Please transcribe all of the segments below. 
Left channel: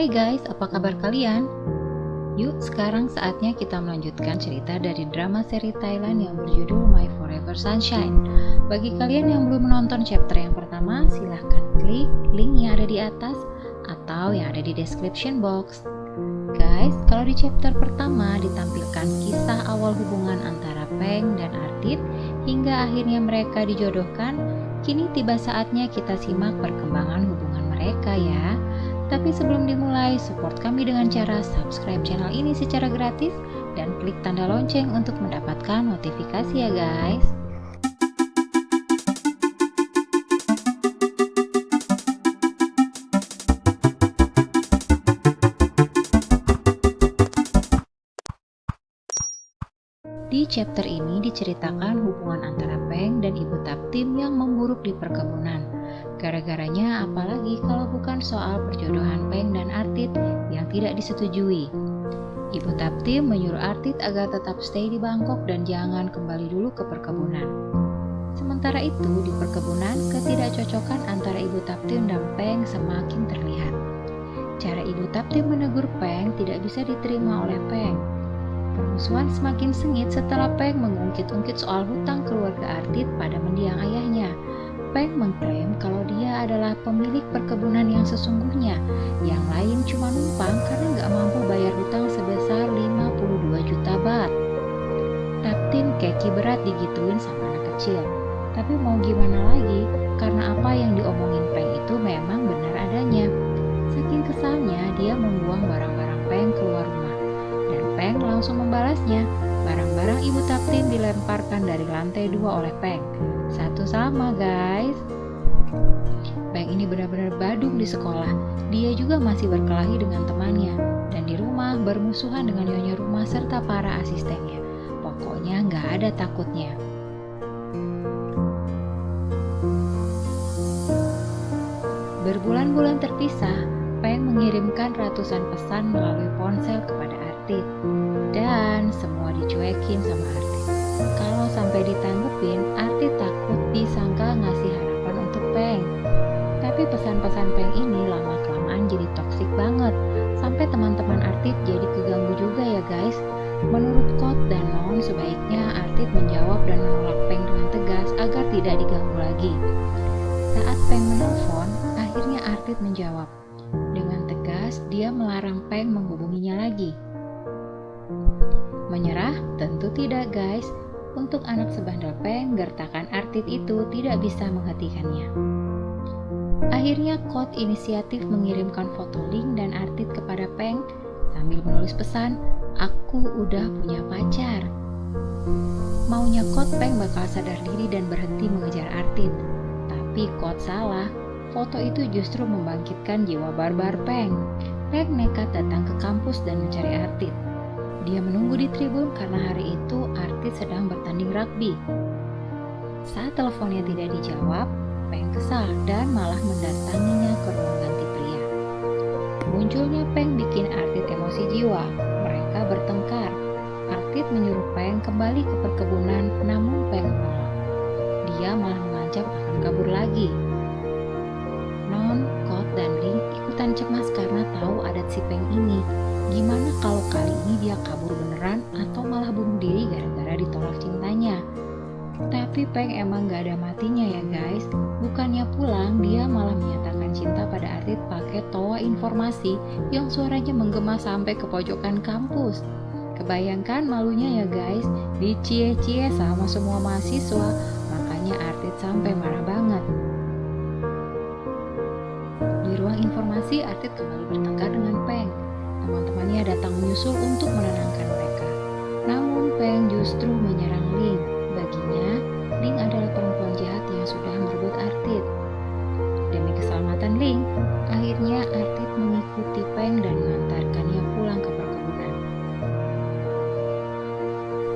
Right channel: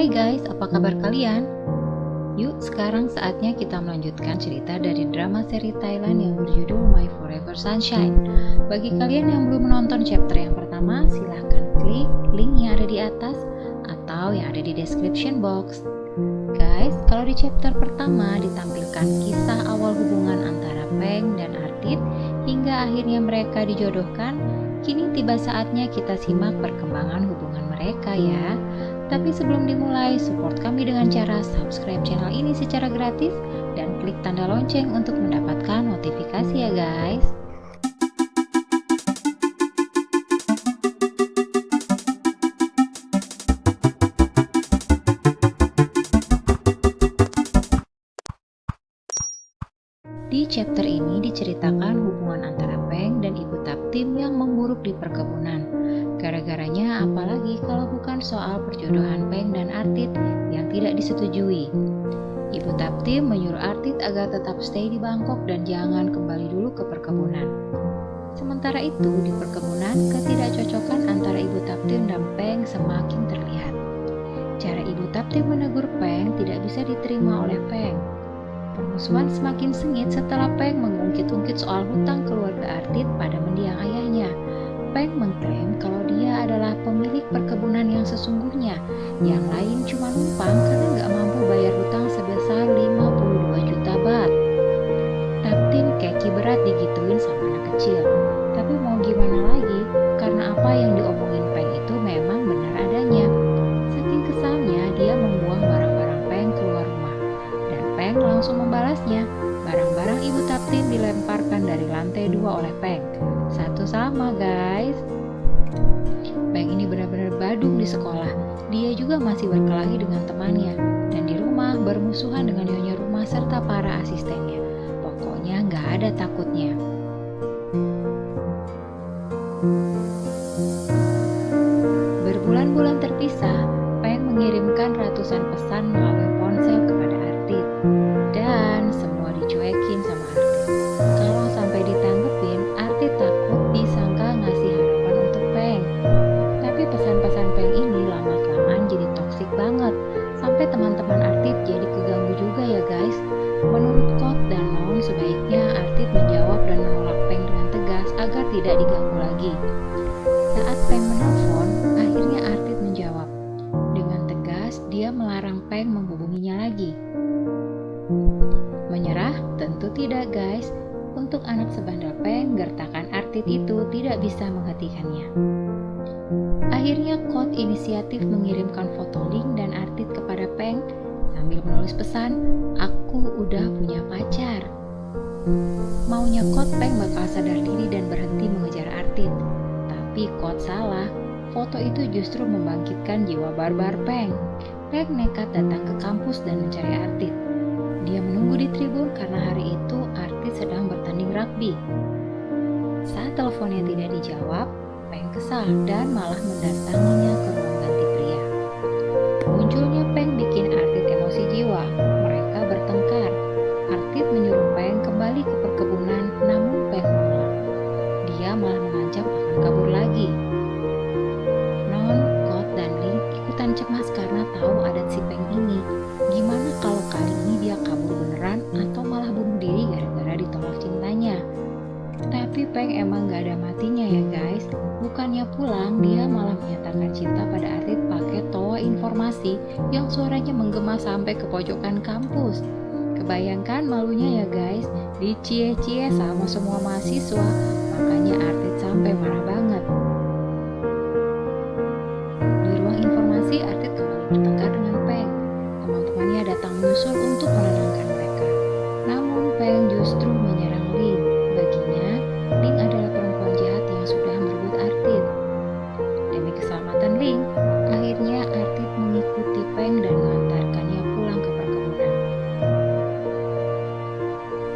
Hai guys, apa kabar kalian? Yuk, sekarang saatnya kita melanjutkan cerita dari drama seri Thailand yang berjudul My Forever Sunshine. Bagi kalian yang belum menonton chapter yang pertama, silahkan klik link yang ada di atas atau yang ada di description box. Guys, kalau di chapter pertama ditampilkan kisah awal hubungan antara Peng dan Artit hingga akhirnya mereka dijodohkan, kini tiba saatnya kita simak perkembangan hubungan mereka ya. Tapi sebelum dimulai, support kami dengan cara subscribe channel ini secara gratis dan klik tanda lonceng untuk mendapatkan notifikasi ya guys. Di chapter ini diceritakan hubungan antara Peng dan Ibu Taptim yang memburuk di perkebunan. Gara-garanya apalagi kalau bukan soal perjodohan Peng dan Artit yang tidak disetujui. Ibu Taptim menyuruh Artit agar tetap stay di Bangkok dan jangan kembali dulu ke perkebunan. Sementara itu di perkebunan, ketidakcocokan antara Ibu Taptim dan Peng semakin terlihat. Cara Ibu Taptim menegur Peng tidak bisa diterima oleh Peng. Permusuhan semakin sengit setelah Peng mengungkit-ungkit soal hutang keluarga Artit pada mendiang ayahnya. Peng mengklaim kalau dia adalah pemilik perkebunan yang sesungguhnya, yang lain cuma numpang karena nggak mampu bayar hutang sebesar 52 juta baht. Taptim keki berat digituin sama anak kecil, tapi mau gimana lagi, karena apa yang diomongin Peng itu memang benar adanya. Saking kesalnya, dia membuang barang-barang Peng keluar rumah. Dan Peng langsung membalasnya. Barang-barang Ibu Taptim dilemparkan dari lantai 2 oleh Peng. Satu sama guys. Peng ini benar-benar badung di sekolah. Dia juga masih berkelahi dengan temannya. Dan di rumah bermusuhan dengan nyonya rumah serta para asistennya. Pokoknya nggak ada takutnya. Berbulan-bulan terpisah, Peng mengirimkan ratusan pesan melalui ponsel kepada Artit. Dan semua dicuekin sama Artit. Kalau sampai ditanggepin, Artit takut disangka ngasih harapan untuk Peng. Tapi pesan-pesan Peng ini lama-kelamaan jadi toksik banget. Sampai teman-teman Artit jadi keganggu juga ya guys. Menurut Kot dan Non, sebaiknya Artit menjawab dan menolak Peng dengan tegas agar tidak diganggu lagi. Saat Peng menelpon, akhirnya Artit menjawab. Dengan tegas, dia melarang Peng menghubunginya lagi. Menyerah? Tentu tidak guys. Untuk anak sebandel Peng, gertakan Artit itu tidak bisa menghentikannya. Akhirnya Kot inisiatif mengirimkan foto Ling dan Artit kepada Peng sambil menulis pesan, "Aku udah punya pacar." Maunya Kot Peng bakal sadar diri dan berhenti mengejar Artit. Tapi Kot salah. Foto itu justru membangkitkan jiwa barbar Peng. Peng nekat datang ke kampus dan mencari Artit. Dia menunggu di tribun karena hari itu Artit sedang bertanding rugby. Saat teleponnya tidak dijawab, Peng kesal dan malah mendatanginya ke ruang ganti pria. Munculnya Peng bikin Artit emosi jiwa. Mereka bertengkar. Artit menyuruh Peng kembali ke perkebunan, namun Peng menolak. Dia malah mengancam akan kabur lagi. Non, Kot, dan Ling ikutan cemas karena tahu adat si Peng ini. Gimana kalau kali ini dia kabur beneran atau malah bunuh diri gara-gara ditolak cintanya? Tapi Peng emang gak ada matinya ya guys. Bukannya pulang, dia malah menyatakan cinta pada Artit pakai toa informasi yang suaranya menggema sampai ke pojokan kampus. Kebayangkan malunya ya guys, dicie-cie sama semua mahasiswa, makanya Artit sampai marah banget. Di ruang informasi, Artit kembali bertengkar dengan Peng. Teman-temannya datang menyusul untuk menenangkan mereka. Namun Peng justru menyerang Ling. Baginya, Ling adalah perempuan jahat yang sudah merebut Artit. Demi keselamatan Ling, akhirnya Artit mengikuti Peng dan mengantarkannya pulang ke perkebunan.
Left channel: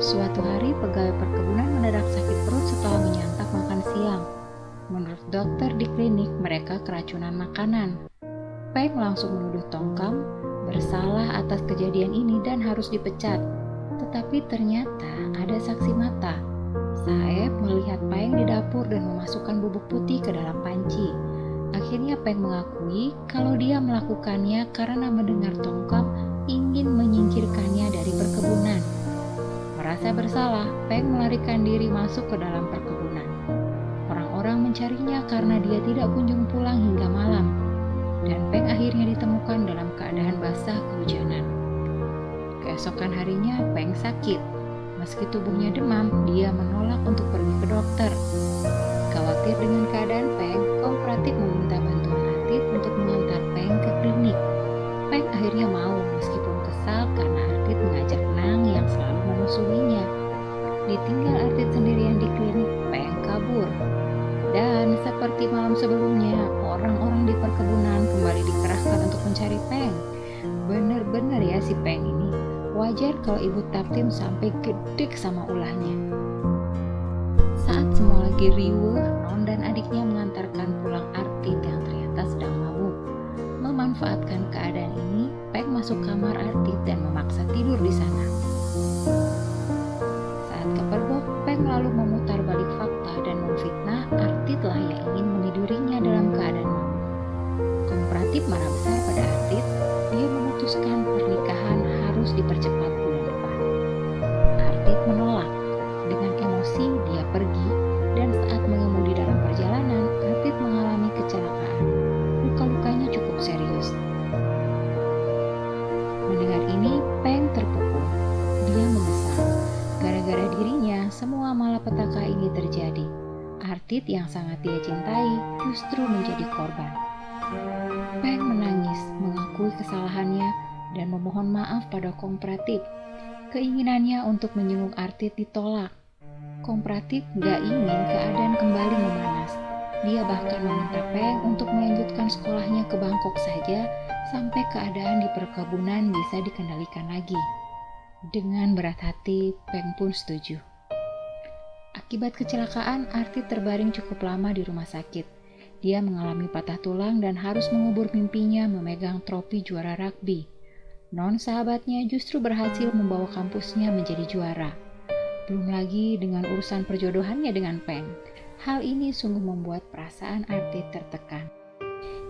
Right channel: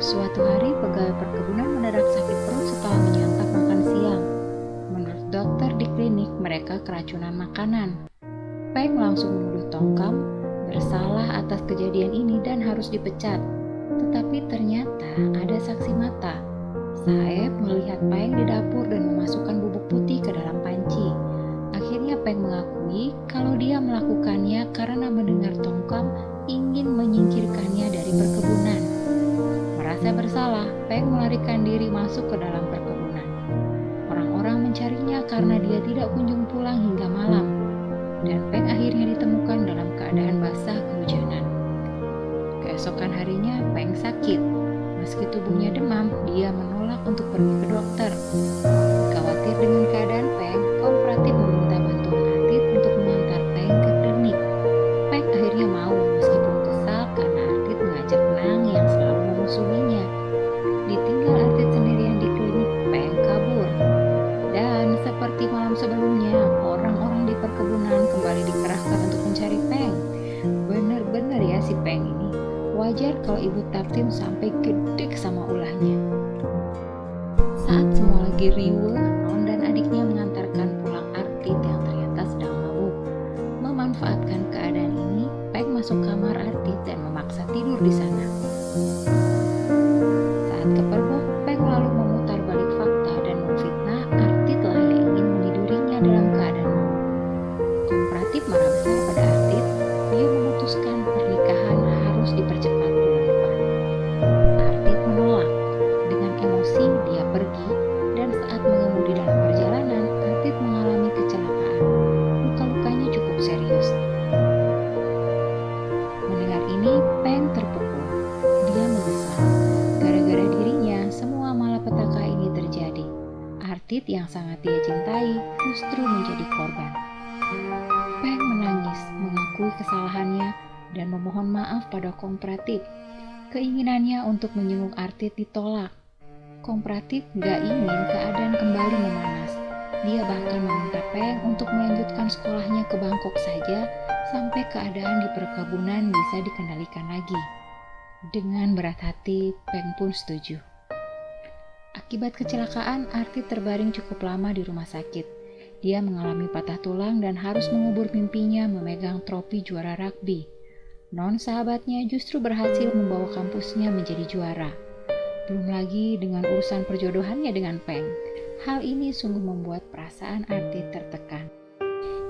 Suatu hari, pegawai perkebunan mendadak sakit perut setelah menyantap makan siang. Menurut dokter di klinik, mereka keracunan makanan. Peng langsung menuduh Tongkam bersalah atas kejadian ini dan harus dipecat. Tetapi ternyata ada saksi mata. Saeb melihat Peng di dapur dan memasukkan bubuk putih ke dalam panci. Akhirnya Peng mengakui kalau dia melakukannya karena mendengar Tongkam ingin menyingkirkannya dari perkebunan. Merasa bersalah, Peng melarikan diri masuk ke dalam perkebunan. Orang-orang mencarinya karena dia tidak kunjung pulang hingga malam, dan Peng akhirnya ditemukan dalam keadaan basah kehujanan. Keesokan harinya, Peng sakit. Meski tubuhnya demam, dia menolak untuk pergi ke dokter. Khawatir dengan keadaan Peng, kooperatif meminta bantuan Artit untuk mengantar Peng ke klinik. Peng akhirnya mau meskipun kesal karena Artit mengajak Nang yang selalu memusuhinya. Ditinggal Artit sendirian di klinik, Peng kabur. Dan seperti malam sebelumnya, orang-orang di perkebunan kembali dikerahkan untuk mencari Peng. Bener-bener ya si Peng ini. Wajar kalau ibu Taptim sampai gedek sama ulahnya. Saat semua lagi riuh, Non dan adiknya mengantarkan pulang Artit yang ternyata sedang mabuk. Memanfaatkan keadaan ini, Peng masuk kamar Artit dan memaksa tidur di sana. Saat kepergok, Peng lalu memutar balik fakta dan memfitnah Artit lah yang ingin menidurinya dalam keadaan mabuk. Kooperatif marah besar pada Artit. Dia memutuskan pernikahan harus dipercepat bulan depan. Artit menolak. Dengan emosi, dia pergi, dan saat mengemudi dalam perjalanan, Artit mengalami kecelakaan. Luka-lukanya cukup serius. Mendengar ini, Peng terpukul. Dia menyesal. Gara-gara dirinya, semua malapetaka ini terjadi. Artit yang sangat dia cintai justru menjadi korban. Peng menangis, mengakui kesalahannya, dan memohon maaf pada kooperatif. Keinginannya untuk menjenguk Artit ditolak. Kooperatif gak ingin keadaan kembali memanas. Dia bahkan meminta Peng untuk melanjutkan sekolahnya ke Bangkok saja sampai keadaan di perkebunan bisa dikendalikan lagi. Dengan berat hati, Peng pun setuju. Akibat kecelakaan, Artit terbaring cukup lama di rumah sakit. Dia mengalami patah tulang dan harus mengubur mimpinya memegang trofi juara rugby. Non sahabatnya justru berhasil membawa kampusnya menjadi juara. Belum lagi dengan urusan perjodohannya dengan Peng. Hal ini sungguh membuat perasaan Artit tertekan.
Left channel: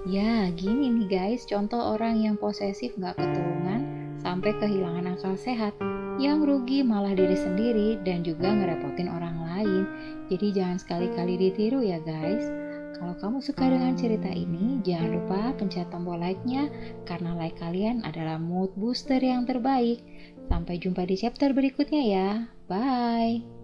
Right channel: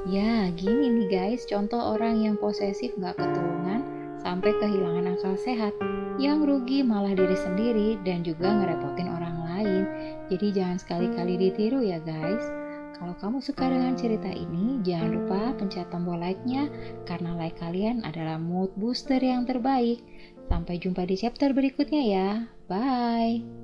Ya, gini nih guys, contoh orang yang posesif gak ketulungan sampai kehilangan akal sehat. Yang rugi malah diri sendiri dan juga ngerepotin orang lain. Jadi jangan sekali-kali ditiru ya guys. Kalau kamu suka dengan cerita ini, jangan lupa pencet tombol like-nya karena like kalian adalah mood booster yang terbaik. Sampai jumpa di chapter berikutnya ya. Bye!